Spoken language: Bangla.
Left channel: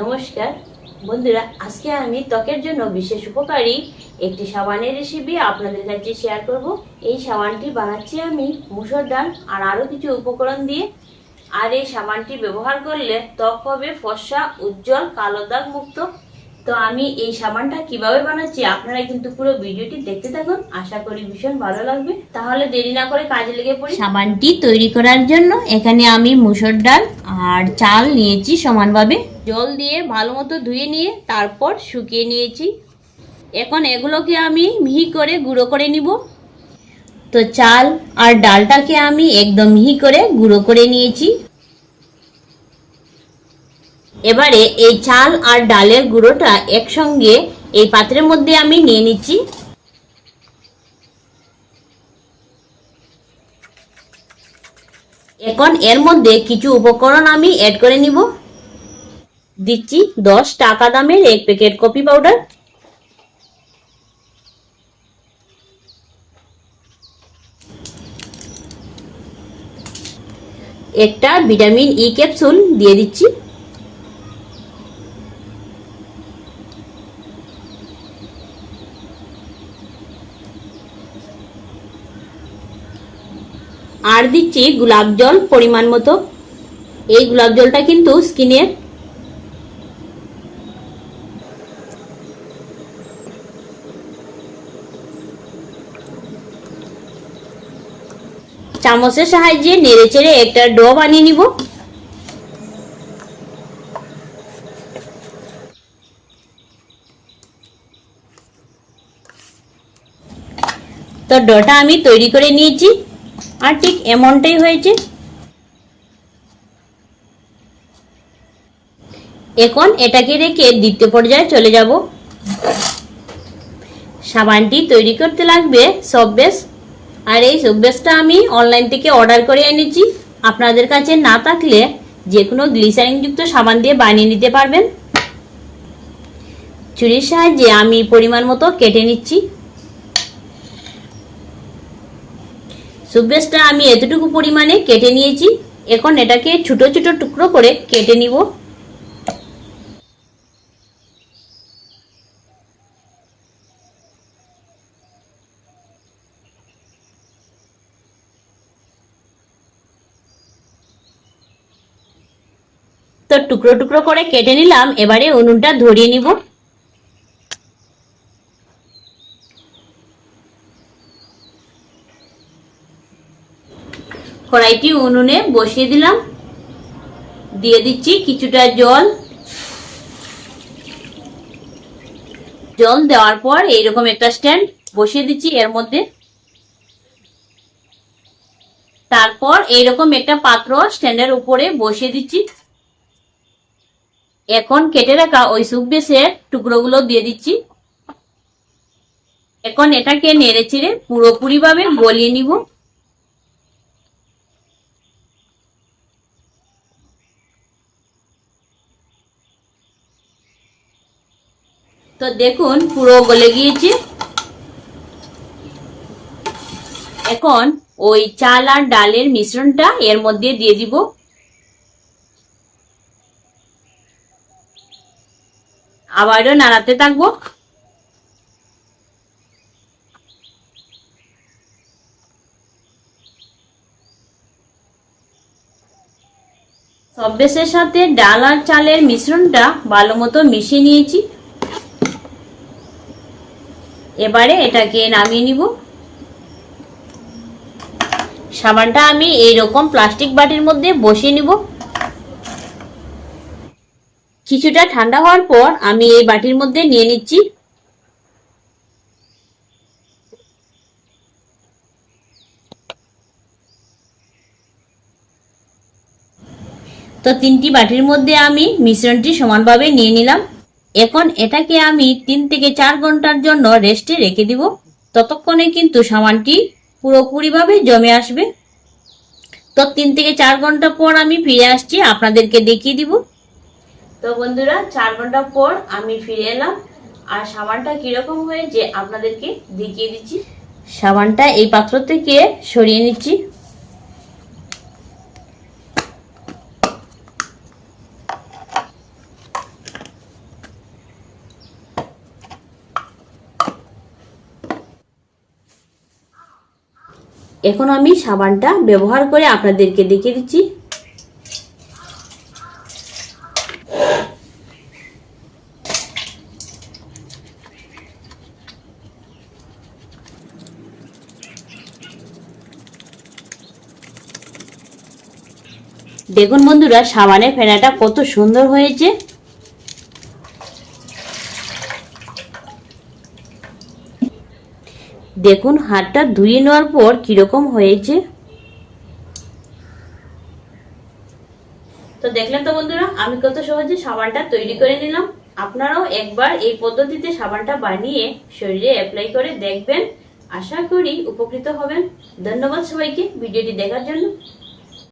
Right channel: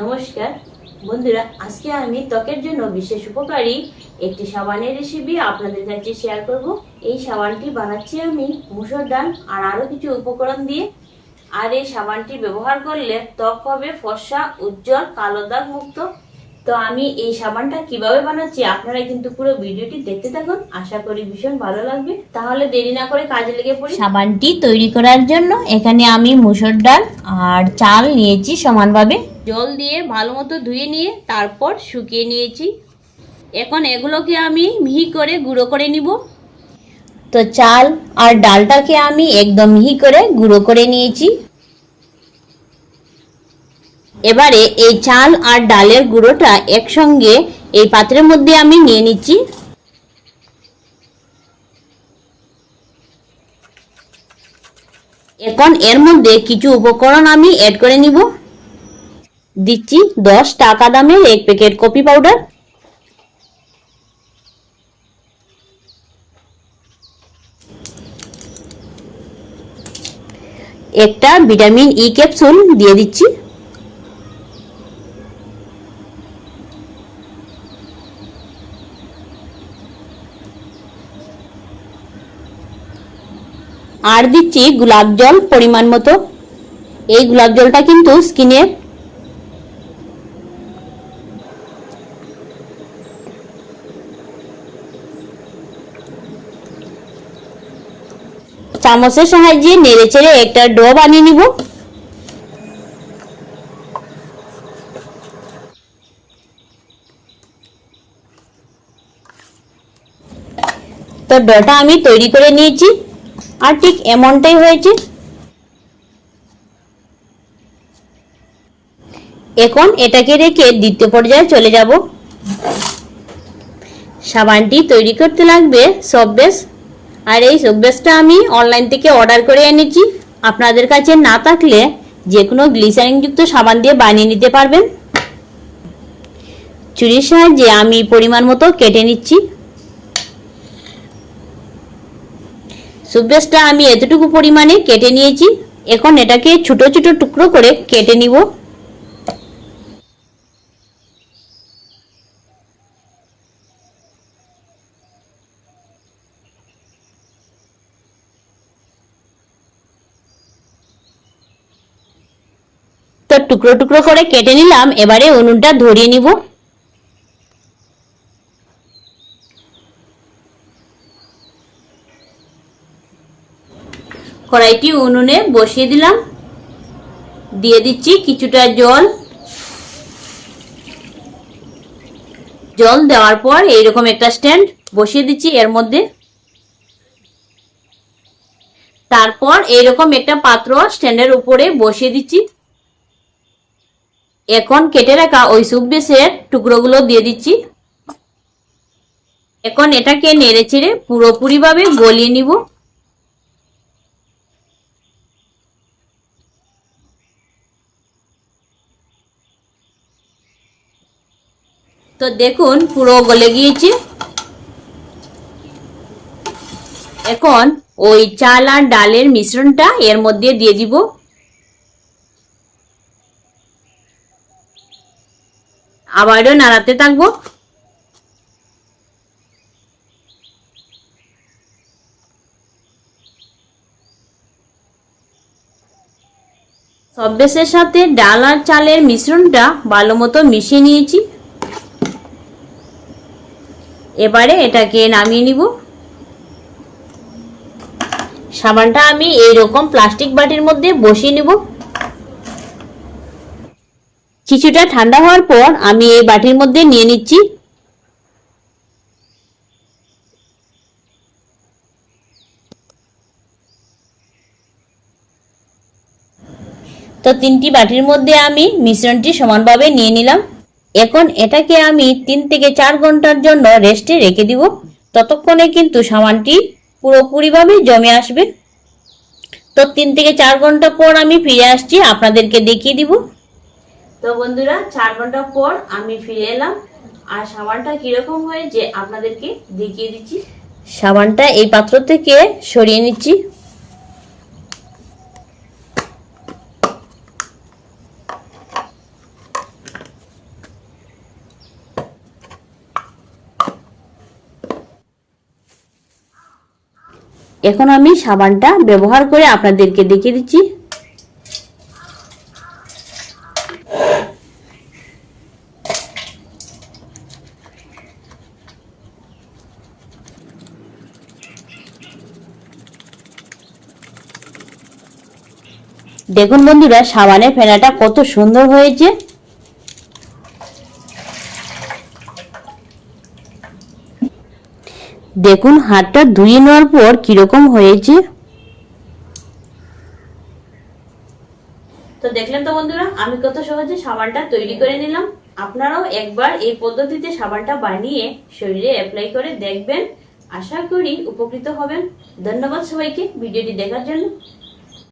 নমস্কার বন্ধুরা, আজকে আমি ত্বকের জন্য বিশেষ উপকারী একটি সাবানের রেসিপি আপনাদের কাছে শেয়ার করব। এই সাবানটি বানাচ্ছি আমি মুসুর ডাল আর আরও কিছু উপকরণ দিয়ে। আর এই সাবানটি ব্যবহার করলে ত্বক হবে ফর্সা, উজ্জ্বল, কালো দাগ মুক্ত। তো আমি এই সাবানটা কিভাবে বানাচ্ছি আপনারা কিন্তু পুরো ভিডিওটি দেখতে থাকুন, আশা করি ভীষণ ভালো লাগবে। তাহলে দেরি না করে কাজে লেগে পড়ি। সাবানটি তৈরি করার জন্য এখানে আমি মুসুর ডাল আর চাল নিয়েছি সমানভাবে, জল দিয়ে ভালো মতো ধুয়ে নিয়ে তারপর শুকিয়ে নিয়েছি। এখন এগুলোকে আমি মিহি করে গুঁড়ো করে নিব। তো চাল আর ডালটাকে আমি একদম মিহি করে গুঁড়ো করে নিয়েছি। এবারে এই চাল আর ডালের গুঁড়োটা একসঙ্গে এই পাত্রের মধ্যে আমি নিয়ে নিচ্ছি। এখন এর মধ্যে কিছু উপকরণ আমি অ্যাড করে নিব। দিচ্ছি 10 টাকা দামের এক প্যাকেট কফি পাউডার, একটা ভিটামিন ই ক্যাপসুল দিয়ে দিচ্ছি, আর দিচ্ছি গোলাপ জল পরিমাণ মতো। এই গোলাপ জলটা কিন্তু স্কিনের চামচের সাহায্যে নেড়ে চেড়ে একটা ডো বানিয়ে নিব। তো ডোটা আমি তৈরি করে নিয়েছি আর ঠিক এমনটাই হয়েছে। এখন এটাকে রেখে দ্বিতীয় পর্যায়ে চলে যাব। সাবানটি তৈরি করতে লাগবে সব বেস, আর এই সব বেসটা আমি অনলাইন থেকে অর্ডার করে এনেছি। আপনাদের কাছে না থাকলে যে কোনো গ্লিসারিন যুক্ত সাবান দিয়ে বানিয়ে নিতে পারবেন। ছুরির সাহায্যে আমি পরিমাণ মতো কেটে নিচ্ছি। সব বেসটা আমি এতটুকু পরিমাণে কেটে নিয়েছি। এখন এটাকে ছোট ছোট টুকরো করে কেটে নিব। তো টুকরো টুকরো করে কেটে নিলাম। এবারে উনুনটা ধরিয়ে নিব। কড়াইটি উনুনে বসিয়ে দিলাম, দিয়ে দিচ্ছি কিছুটা জল। জল দেওয়ার পর এইরকম একটা স্ট্যান্ড বসিয়ে দিচ্ছি এর মধ্যে। তারপর এইরকম একটা পাত্র স্ট্যান্ডের উপরে বসিয়ে দিচ্ছি। এখন কেটে রাখা ওই স্যুপ বেসের টুকরোগুলো দিয়ে দিচ্ছি। এখন এটাকে নেড়ে চেড়ে পুরোপুরি ভাবে গলিয়ে নিব। তো দেখুন পুরো গলে গিয়েছে। এখন ওই চাল আর ডালের মিশ্রণটা এর মধ্যে দিয়ে দিব। আবারও নাড়াতে থাকবো। সব বেসের সাথে ডাল আর চালের মিশ্রণটা ভালো মতো মিশিয়ে নিয়েছি। এবারে এটাকে নামিয়ে নিব। সাবানটা আমি এইরকম প্লাস্টিক বাটির মধ্যে বসিয়ে নিব। কিছুটা ঠান্ডা হওয়ার পর আমি এই বাটির মধ্যে নিয়ে নিচ্ছি। তো 3টি বাটির মধ্যে আমি মিশ্রণটি সমানভাবে নিয়ে নিলাম। এখন এটাকে আমি 3 থেকে 4 ঘন্টার জন্য রেস্টে রেখে দিব। ততক্ষণে কিন্তু সাবানটি পুরোপুরিভাবে জমে আসবে। তো 3 থেকে 4 ঘন্টা পর আমি ফিরে আসছি, আপনাদেরকে দেখিয়ে দিব। তো বন্ধুরা, 4 ঘন্টা পর আমি ফিরে এলাম আর সাবানটা কিরকম হয়েছে আপনাদেরকে দেখিয়ে দিচ্ছি। সাবানটা এই পাত্র থেকে সরিয়ে নিচ্ছি। এখন আমি সাবানটা ব্যবহার করে আপনাদেরকে দেখিয়ে দিচ্ছি। দেখুন বন্ধুরা, সাবানের ফেনাটা কত সুন্দর হয়েছে। দেখুন হাতটা ধুয়ে নেওয়ার পর কিরকম হয়েছে। তো দেখলেন তো বন্ধুরা, আমি কত সহজে সাবানটা তৈরি করে নিলাম। আপনারাও একবার এই পদ্ধতিতে সাবানটা বানিয়ে শরীরে অ্যাপ্লাই করে দেখবেন। আশা করি উপকৃত হবেন। ধন্যবাদ সবাইকে ভিডিওটি দেখার জন্য।